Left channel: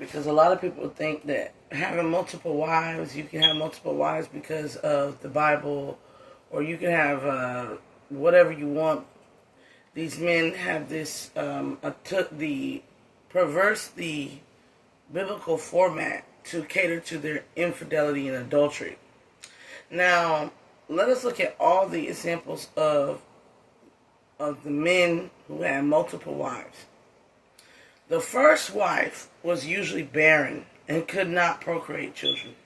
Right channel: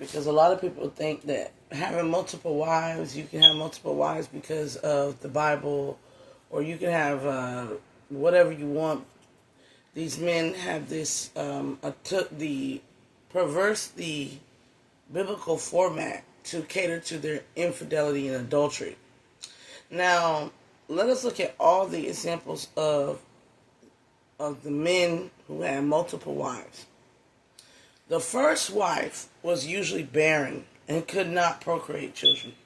because a lot of people think that having multiple wives, you can have multiple wives because of the Bible, or you can have whatever you want. These men have this took the perverse the biblical format to cater to their infidelity and adultery. Now, let us look at all the examples of the men who had multiple wives. The first wife was usually barren and could not procreate children.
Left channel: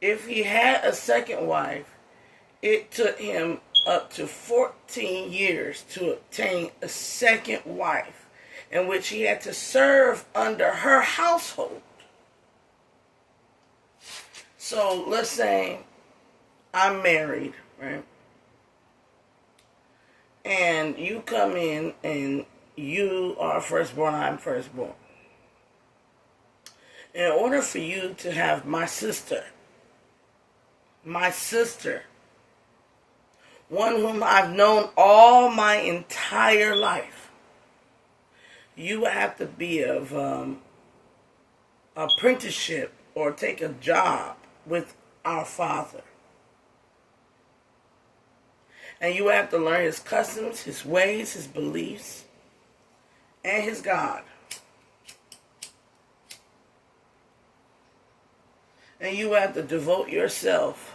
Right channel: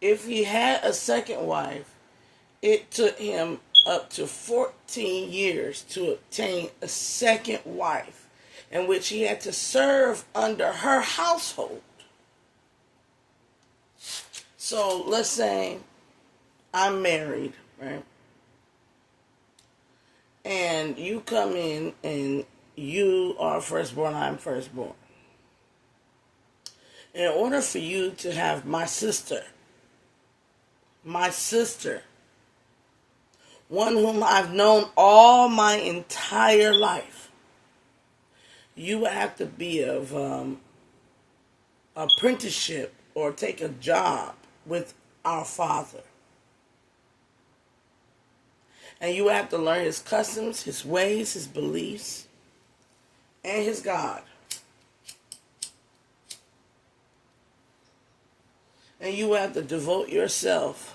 If he had a second wife, it took him up to 14 years to obtain a second wife, in which he had to serve under her household. So let's say I'm married, right? And you come in and you are firstborn, I'm firstborn. In order for you to have my sister, one whom I've known all my entire life, you would have to be of apprenticeship or take a job with our Father. And you have to learn his customs, his ways, his beliefs, and his God. And you have to devote yourself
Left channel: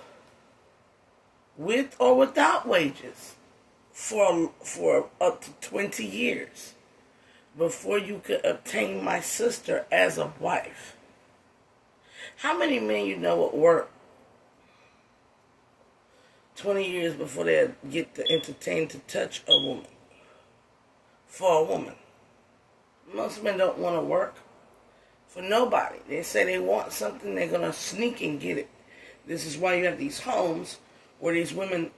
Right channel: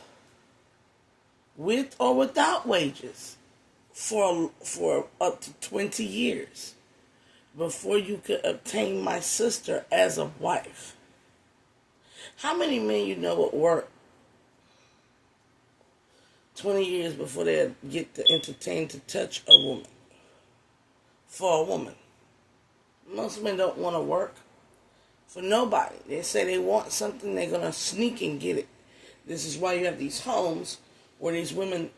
with or without wages for up to 20 years before you could obtain my sister as a wife. How many men you know would work 20 years before they get to entertain to touch a woman? For a woman. Most men don't want to work for nobody. They say they want something, they're going to sneak and get it. This is why you have these homes where these women,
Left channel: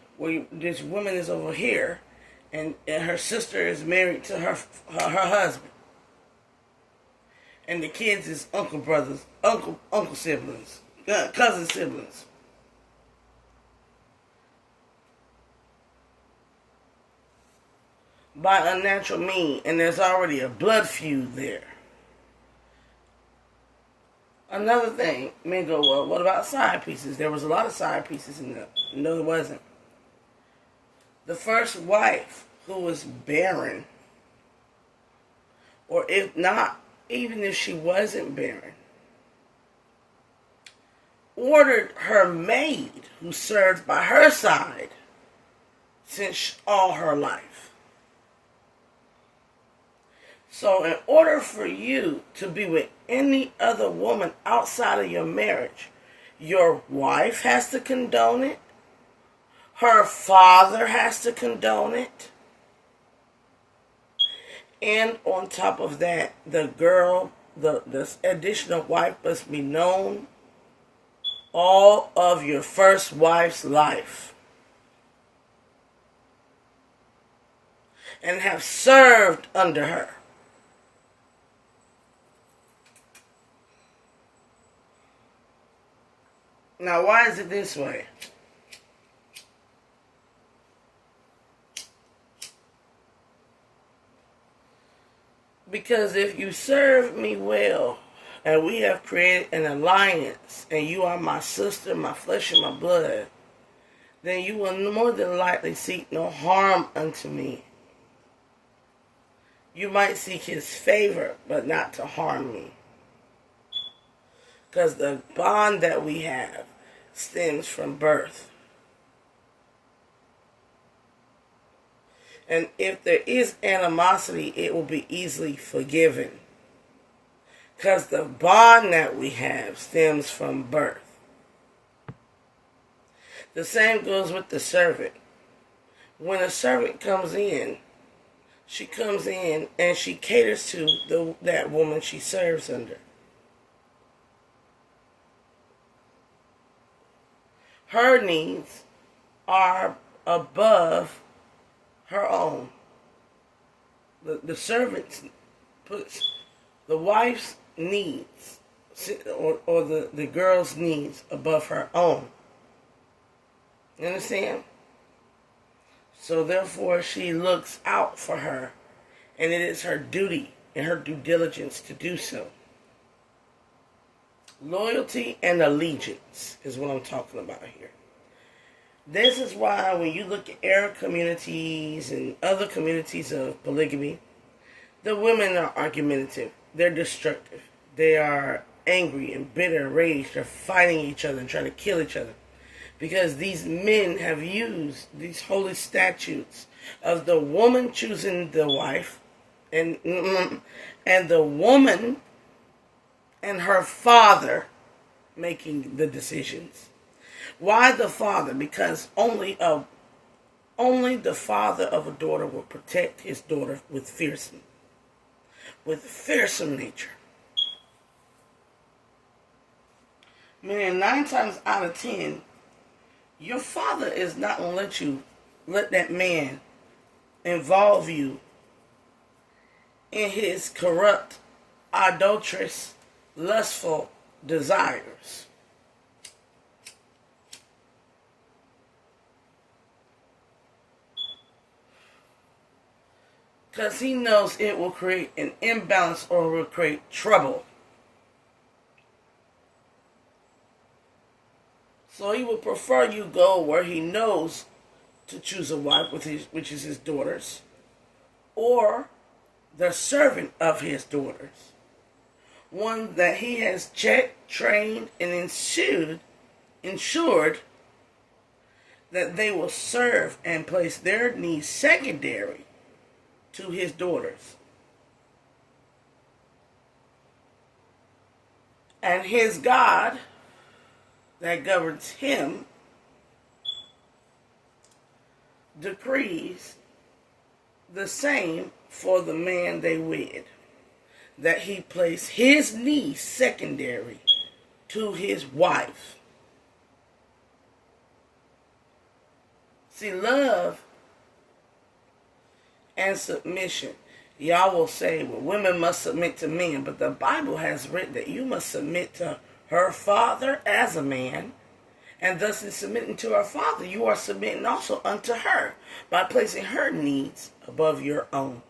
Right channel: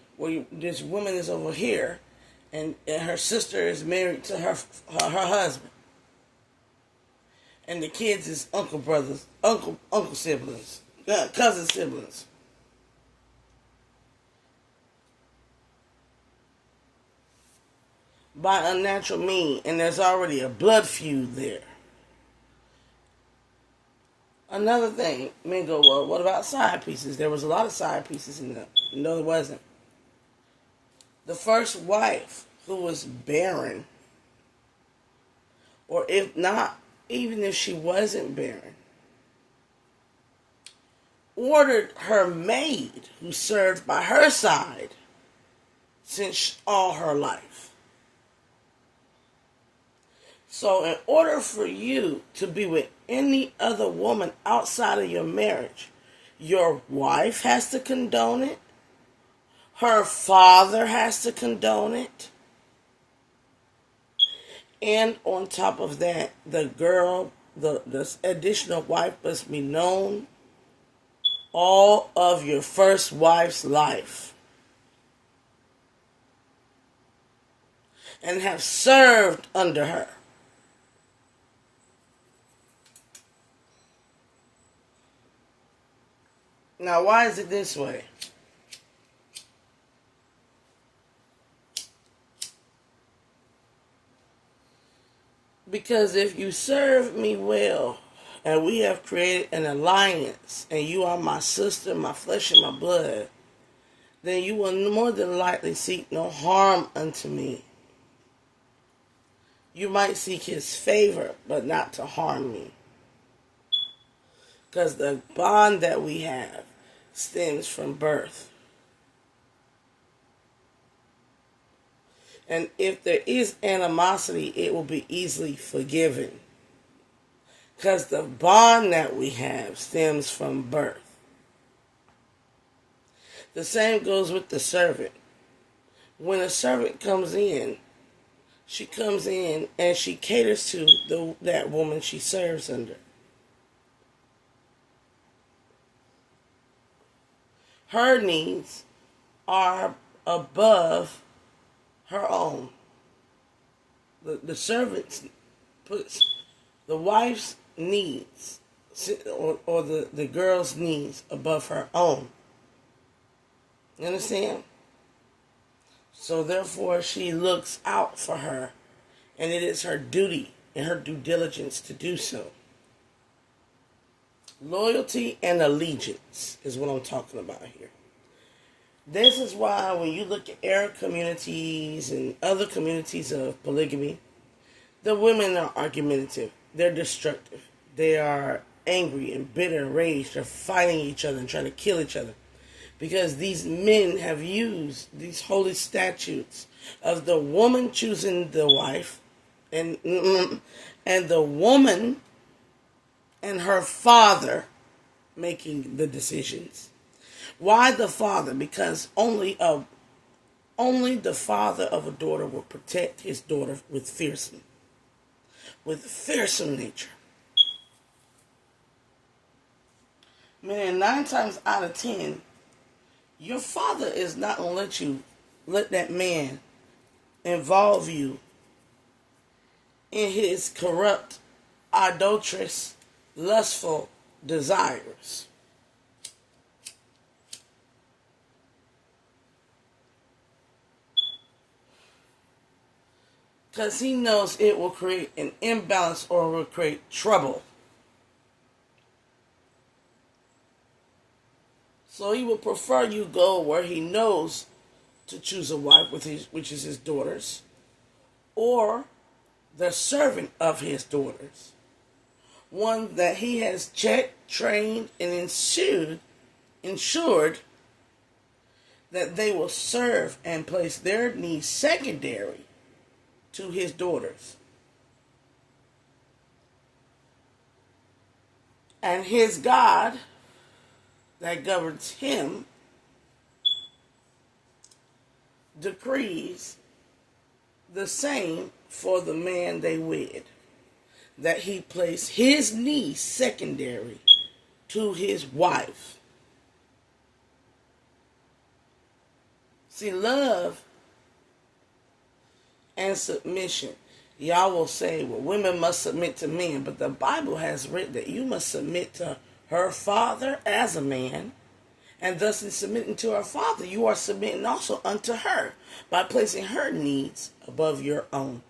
this woman is over here and her sister is married to her husband. And the kids is uncle siblings, cousin siblings. By unnatural means, and there's already a blood feud there. Another thing, men go, well, what about side pieces? There was a lot of side pieces in there. No, there wasn't. The first wife, who was barren, or if not, even if she wasn't barren, ordered her maid, who served by her side since all her life. So in order for you to be with any other woman outside of your marriage, your wife has to condone it. Her father has to condone it. And on top of that, the additional wife must be known all of your first wife's life and have served under her. Now, why is it this way? Because if you serve me well, and we have created an alliance, and you are my sister, my flesh and my blood, then you will more than likely seek no harm unto me. You might seek his favor, but not to harm me. Because the bond that we have stems from birth. And if there is animosity, it will be easily forgiven. Because the bond that we have stems from birth. The same goes with the servant. When a servant comes in, she comes in and she caters to that woman she serves under. Her needs are above her own. The servant's puts the wife's needs or the girl's needs above her own. You understand? So therefore she looks out for her and it is her duty and her due diligence to do so. Loyalty and allegiance is what I'm talking about here. This is why when you look at Arab communities and other communities of polygamy, the women are argumentative. They're destructive. They are angry and bitter and raged. They're fighting each other and trying to kill each other. Because these men have used these holy statutes of the woman choosing the wife and the woman and her father making the decisions. Why the father? Because only the father of a daughter will protect his daughter with fearsome nature. Man, 9 times out of 10, your father is not going to let that man involve you in his corrupt, idolatrous, lustful desires. Because he knows it will create an imbalance or will create trouble. So he will prefer you go where he knows to choose a wife, which is his daughters, or the servant of his daughters. One that he has checked, trained, and ensured that they will serve and place their needs secondary to his daughters. And his God that governs him decrees the same for the man they wed, that he place his needs secondary to his wife. See, love and submission. Y'all will say, well, women must submit to men, but the Bible has written that you must submit to her father as a man, and thus in submitting to her father, you are submitting also unto her by placing her needs above your own.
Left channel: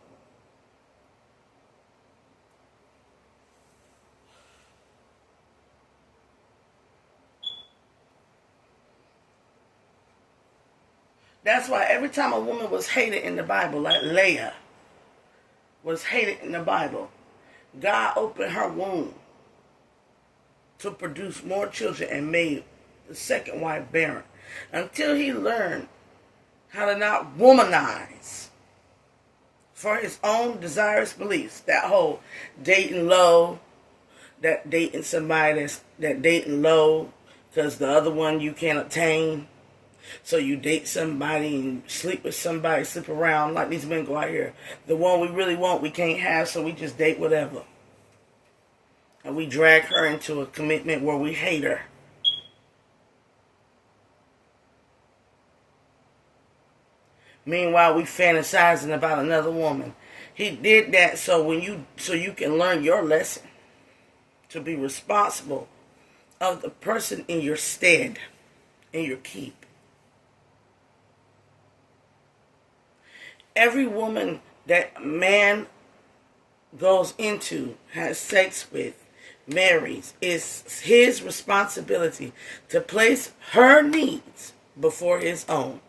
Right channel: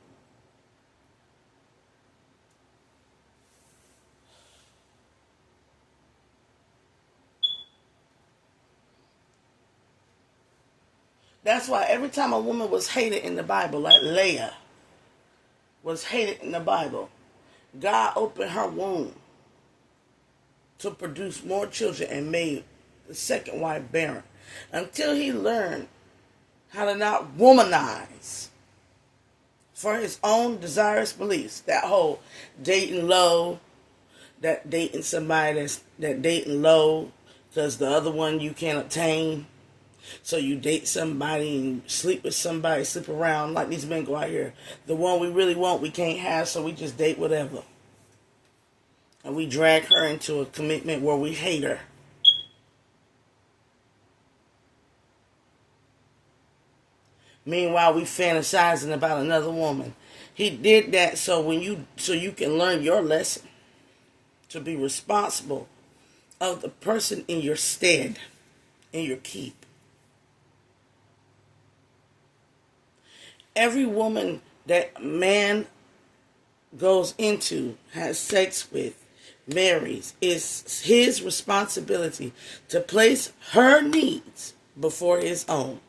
That's why every time a woman was hated in the Bible, like Leah was hated in the Bible, God opened her womb to produce more children and made the second wife barren until he learned how to not womanize for his own desirous beliefs. That whole dating low, that dating somebody that dating low because the other one you can't obtain. So you date somebody and sleep with somebody, sleep around like these men go out here. The one we really want we can't have, so we just date whatever. And we drag her into a commitment where we hate her. Meanwhile, we fantasizing about another woman. He did that so you can learn your lesson to be responsible of the person in your stead, in your keep. Every woman that man goes into, has sex with, marries, is his responsibility to place her needs before his own.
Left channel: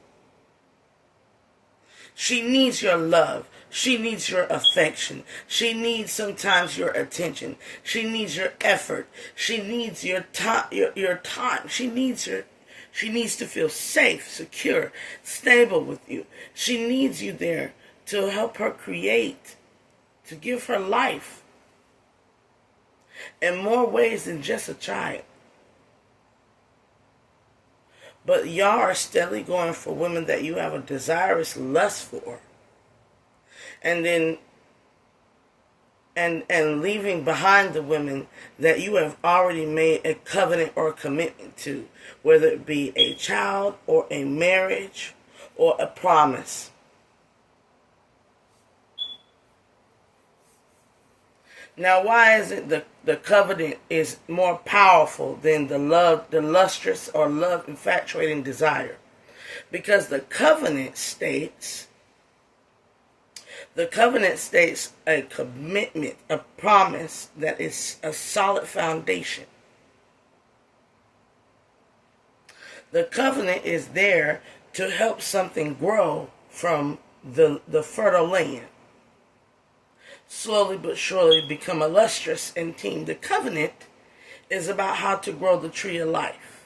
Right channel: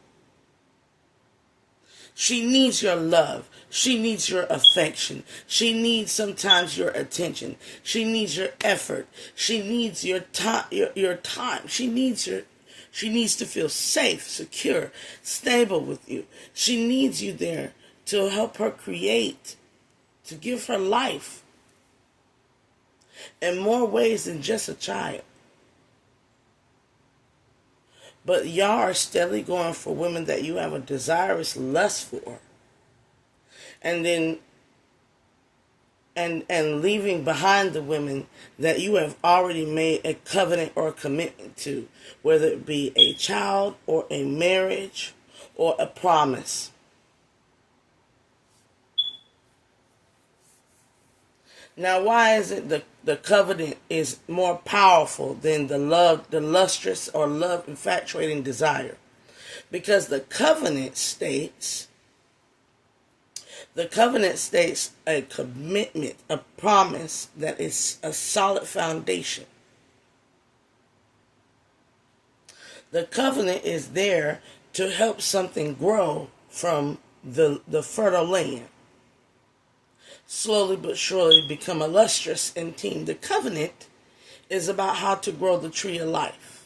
She needs your love. She needs your affection. She needs sometimes your attention. She needs your effort. She needs your time. Your time. She needs to feel safe, secure, stable with you. She needs you there to help her create, to give her life in more ways than just a child. But y'all are steadily going for women that you have a desirous lust for. And then and leaving behind the women that you have already made a covenant or a commitment to, whether it be a child or a marriage or a promise. Now, why is it the covenant is more powerful than the lustrous or love infatuating desire? Because the covenant states The covenant states a commitment, a promise that is a solid foundation. The covenant is there to help something grow from the fertile land. Slowly but surely become a lustrous and team. The covenant is about how to grow the tree of life.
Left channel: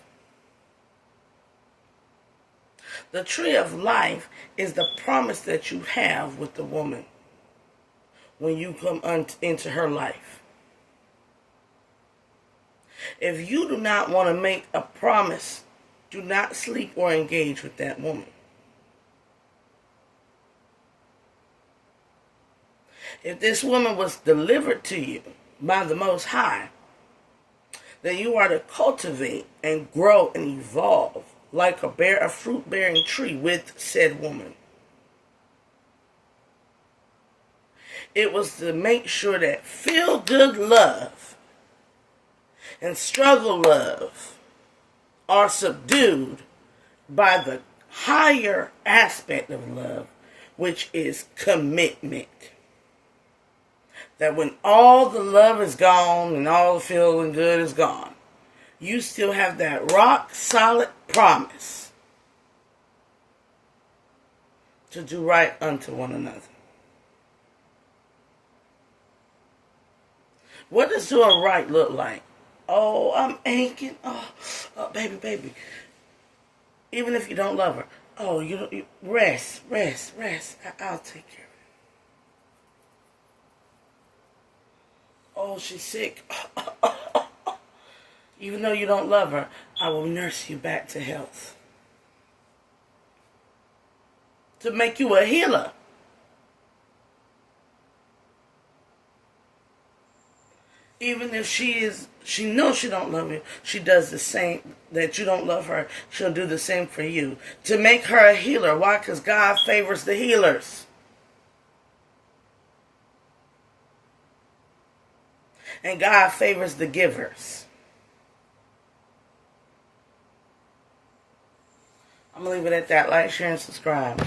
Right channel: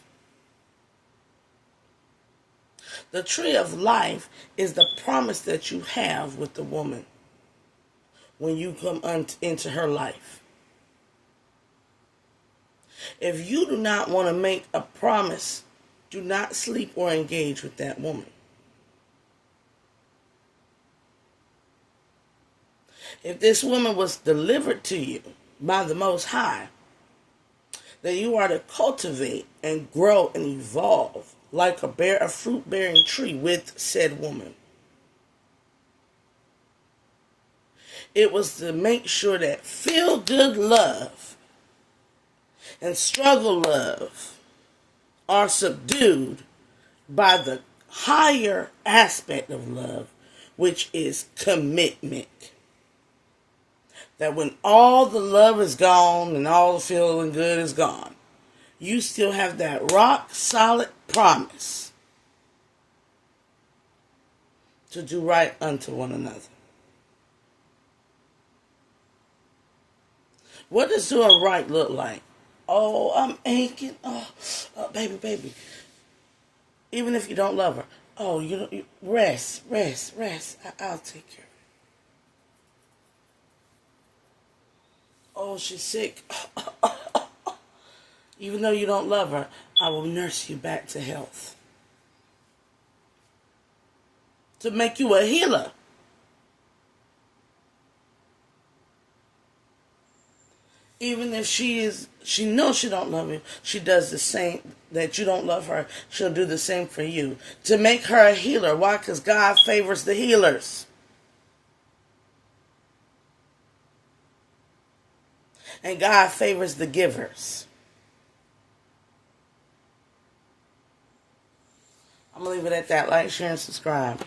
The tree of life is the promise that you have with the woman when you come into her life. If you do not want to make a promise, do not sleep or engage with that woman. If this woman was delivered to you by the Most High, then you are to cultivate and grow and evolve like a fruit-bearing tree with said woman. It was to make sure that feel-good love and struggle love are subdued by the higher aspect of love, which is commitment. That when all the love is gone and all the feeling good is gone, you still have that rock solid promise to do right unto one another. What does doing right look like? Oh, I'm aching. Oh, baby. Even if you don't love her. Oh, you rest. I'll take care of it. Oh, she's sick. Even though you don't love her, I will nurse you back to health. To make you a healer. Even if she knows she don't love you, she does the same, that you don't love her, she'll do the same for you. To make her a healer. Why? Because God favors the healers. And God favors the givers. I'm going to leave it at that. Like, share, and subscribe.